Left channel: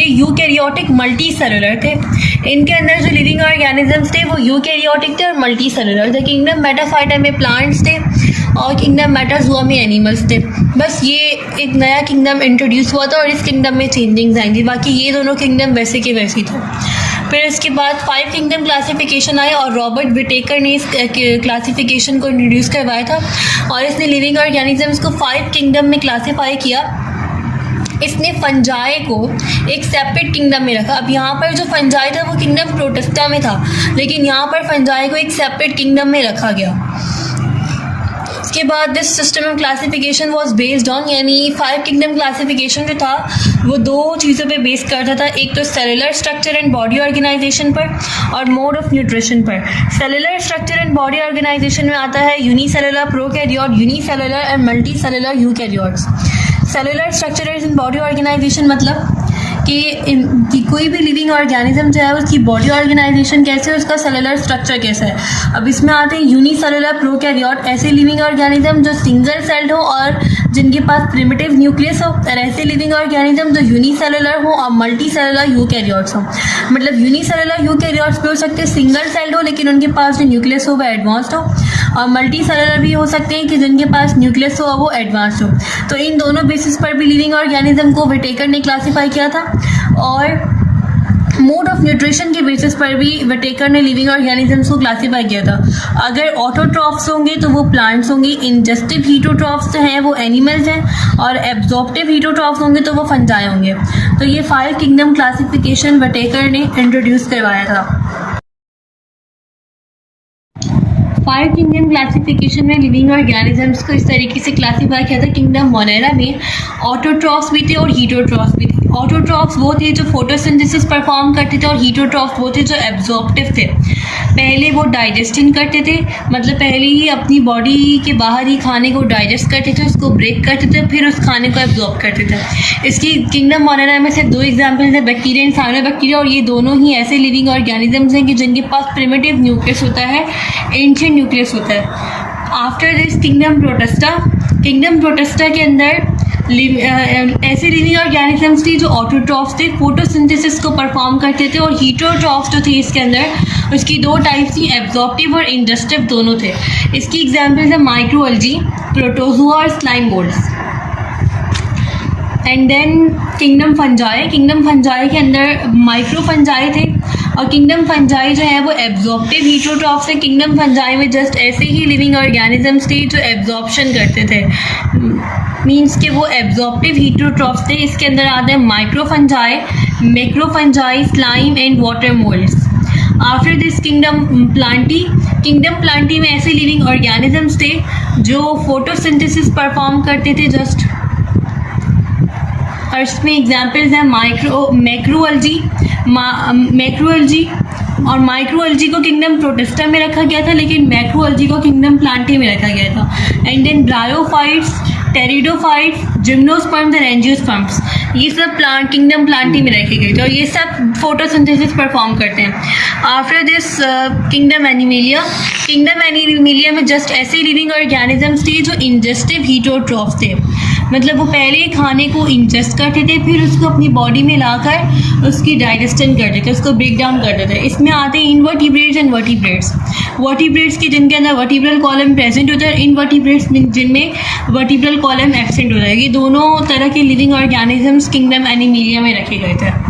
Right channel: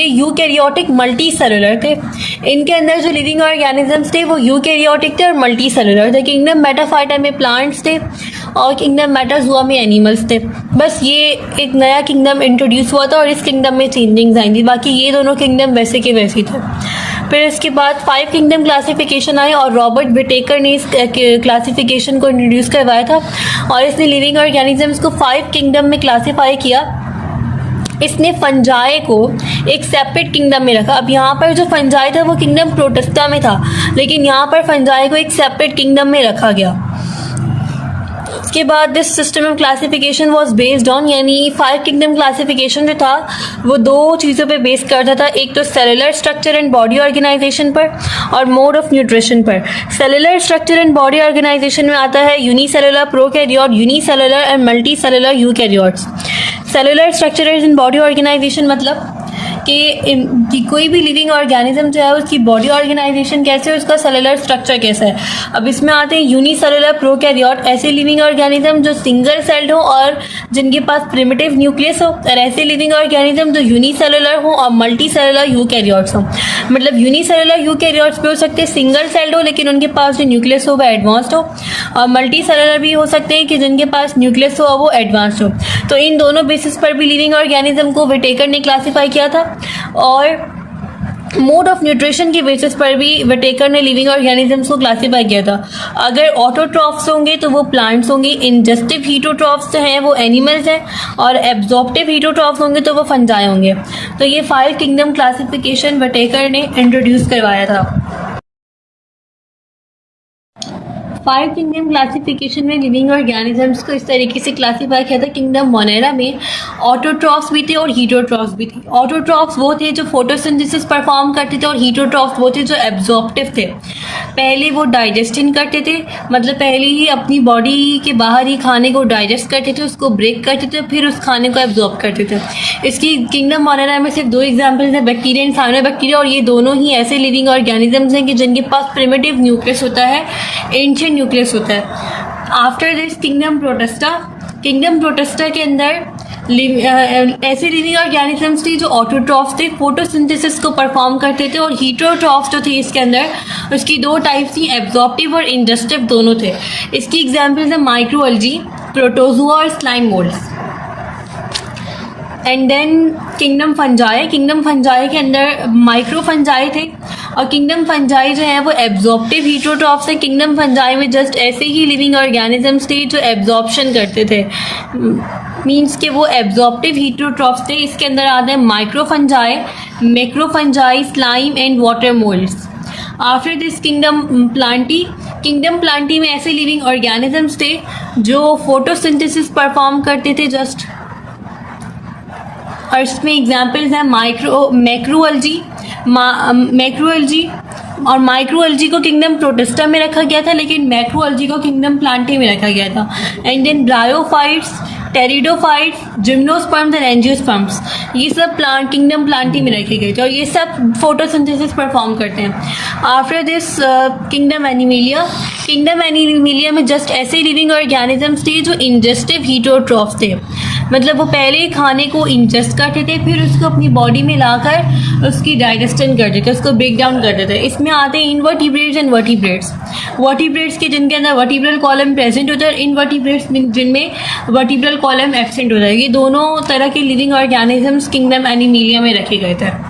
Eukaryotic multi cellular थे। इनके अंदर जो लिविंग ऑर्गेनिजम्स थे वो यूकैरियोटिक थे और मल्टी सेलुलर थे। किंगडम मेटाफाइटा में प्लांट्स थे और किंगडम मेटाजोआ में एनिमल्स थे। बस ये एक नया किंगडम इंट्रोड्यूस हुआ था और इस किंगडम में चेंजिंग्स आएंगी, बाकी ये दोनों किंगडम वैसे के वैसे थे। फिर इसके बाद 5 किंगडम क्लासिफिकेशन आई और रॉबर्ट विटेकर ने इस क्लासिफिकेशन को इंट्रोड्यूस करवाया था और इसने लिविंग ऑर्गेनिजम्स को 5 किंगडम में क्लासीफाई किया। इसने फंजाई को एक सेपरेट किंगडम में रखा। अब यहाँ पर जो फंजाई था वो किंगडम प्रोटिस्टा में था, लेकिन यहाँ पर फंजाई को एक सेपरेट किंगडम में रखा गया। इसके बाद this system of classification was based on, यानी 5 किंगडम क्लासिफिकेशन जो था वो 2 चीज़ों पे बेस करता था। एक तो cellular structure and body organisation पर और मोड ऑफ न्यूट्रिशन पर। Cellular structure and body organisation में आता है unicellular prokaryote, unicellular and multi cellular eukaryotes. Cellular structure and body organisation मतलब कि कोई भी लिविंग ऑर्गेनिज्म जो है उसकी बॉडी ऑर्गेनाइजेशन कैसे है, उसका सेलुलर स्ट्रक्चर कैसा है। अब इसमें आते हैं यूनिसेलुलर प्रोकैरियोट, ऐसे लिविंग ऑर्गेनिज्म जो सिंगल सेल्ड हो और जिनके पास प्रिमिटिव न्यूक्लियस हो, और ऐसे लिविंग ऑर्गेनिज्म जो यूनिसेलुलर हो और मल्टी सेलुलर यूकैरियोट्स हो। मतलब यूनिसेलुलर यूकैरियोट्स भी हो सकते हैं सिंगल सेल्ड हो लेकिन उनके पास जो न्यूक्लियस हो वह एडवांस्ड हो, और मल्टी सेलुलर भी हो सकते हैं कि जिनके पास न्यूक्लियस हो वो एडवांस्ड हो। तो इन दोनों बेसिस पर भी लिविंग ऑर्गेनिज्म को विटेकर ने क्लासीफाई किया था। और मोड ऑफ न्यूट्रिशन के बेसिस पर भी विटेकर ने लिविंग ऑर्गेनिजम्स को क्लासीफाई किया था। अगर ऑटोट्रॉफ्स होंगे तो वो प्लांट्स होंगे, इंजेस्टिव हीटोट्रॉफ्स हैं वो एनिमल्स हैं, और एब्जॉर्प्टिव हीटोट्रॉफ्स होंगे तो वो फंजाई होंगे। तो ये 5 किंगडम क्लासिफिकेशन विटेकर ने इंट्रोड्यूस करवाया था। 5 किंगडम क्लासिफिकेशन में लिविंग ऑर्गेनिजम्स को इस तरीके से क्लासीफाई किया था। किंगडम मोनेरा में ऑटोट्रॉफ्स भी थे और हीटोट्रॉफ्स भी थे। ऑटोट्रॉफ्स वो थे जो फोटोसिंथेसिस परफॉर्म करते थे और हीटोट्रॉफ्स वो थे जो एब्जॉर्प्टिव थे। पहले वो डाइजेस्टिंग करते थे, मतलब पहले ही अपनी बॉडी के बाहर ही खाने को डाइजेस्ट करते थे, उसको ब्रेक करते थे, फिर उस खाने को एब्जॉर्ब करते थे। इसकी किंगडम मोनेरा में सिर्फ 2 एग्जाम्पल्स हैं, बैक्टीरिया एंड साइनोबैक्टीरिया, और ये दोनों ही ऐसे लिविंग ऑर्गेनिजम्स हैं कि जिनके पास प्रिमिटिव न्यूक्लियस होता है, एंशिएंट न्यूक्लियस होता है। आफ्टर दिस किंगडम प्रोटिस्टा के अंदर ऐसे लिविंग ऑर्गेनिजम्स थे जो ऑटोट्रॉफ्स थे, फोटोसिंथेसिस को परफॉर्म करते थे, और हीटोट्रॉफ्स जो थे इसके अंदर उसकी 2 टाइप्स थी, एब्जॉर्प्टिव और इंजेस्टिव दोनों थे। इसकी एग्जांपल्स है माइक्रोअल्गी, प्रोटोजोआ और slime moulds. And then kingdom fungi के अंदर माइक्रो फंजाई थे, और किंगडम फंजाई जो है वो एब्जॉर्प्टिव हीटोट्रॉफ्स है। किंगडम फंजाई में जस्ट ऐसे ही लिविंग ऑर्गेनिजम्स थे जो एब्जॉर्प्शन करते थे, मीन्स कि वो एब्जॉर्प्टिव हीटोट्रॉफ्स थे। इसके अंदर आते हैं microfungi, macrofungi, slime and water moulds. After this kingdom Plantae में ऐसे लिविंग ऑर्गेनिजम्स थे जो फोटोसिंथेसिस परफॉर्म करते थे जस्ट, और इसमें एग्जाम्पल्स हैं मैक्रोअल्गी, और माइक्रोअल्गी को किंगडम प्रोटिस्टा में रखा गया था लेकिन मैक्रोअल्गी को किंगडम प्लांटी में रखा गया था। And then bryophytes, pteridophytes, gymnosperms and angiosperms, ये सब किंगडम प्लांटी में रखे गए थे और ये सब फोटोसिंथेसिस परफॉर्म करते हैं। आफ्टर दिस किंगडम एनिमेलिया में जस्ट ऐसे लिविंग ऑर्गेनिजम्स थे जो इंजेस्टिव हीटोट्रॉफ्स थे, मतलब वो पहले खाने को इंजेस्ट करते थे फिर उसको अपनी बॉडी में लाकर उसकी डाइजेशन करते थे, उसको ब्रेक डाउन करते थे। इसमें आते हैं इनवर्टिब्रेट्स एंड वर्टिब्रेट्स के जिनके अंदर वर्टिब्रल कॉलम प्रेजेंट होता है, इनवर्टिब्रेट्स जिनमें वर्टिब्रल कॉलम एब्सेंट होता है। ये दोनों तरह के लिविंग ऑर्गेनिजम्स किंगडम एनिमेलिया में रखे गए थे।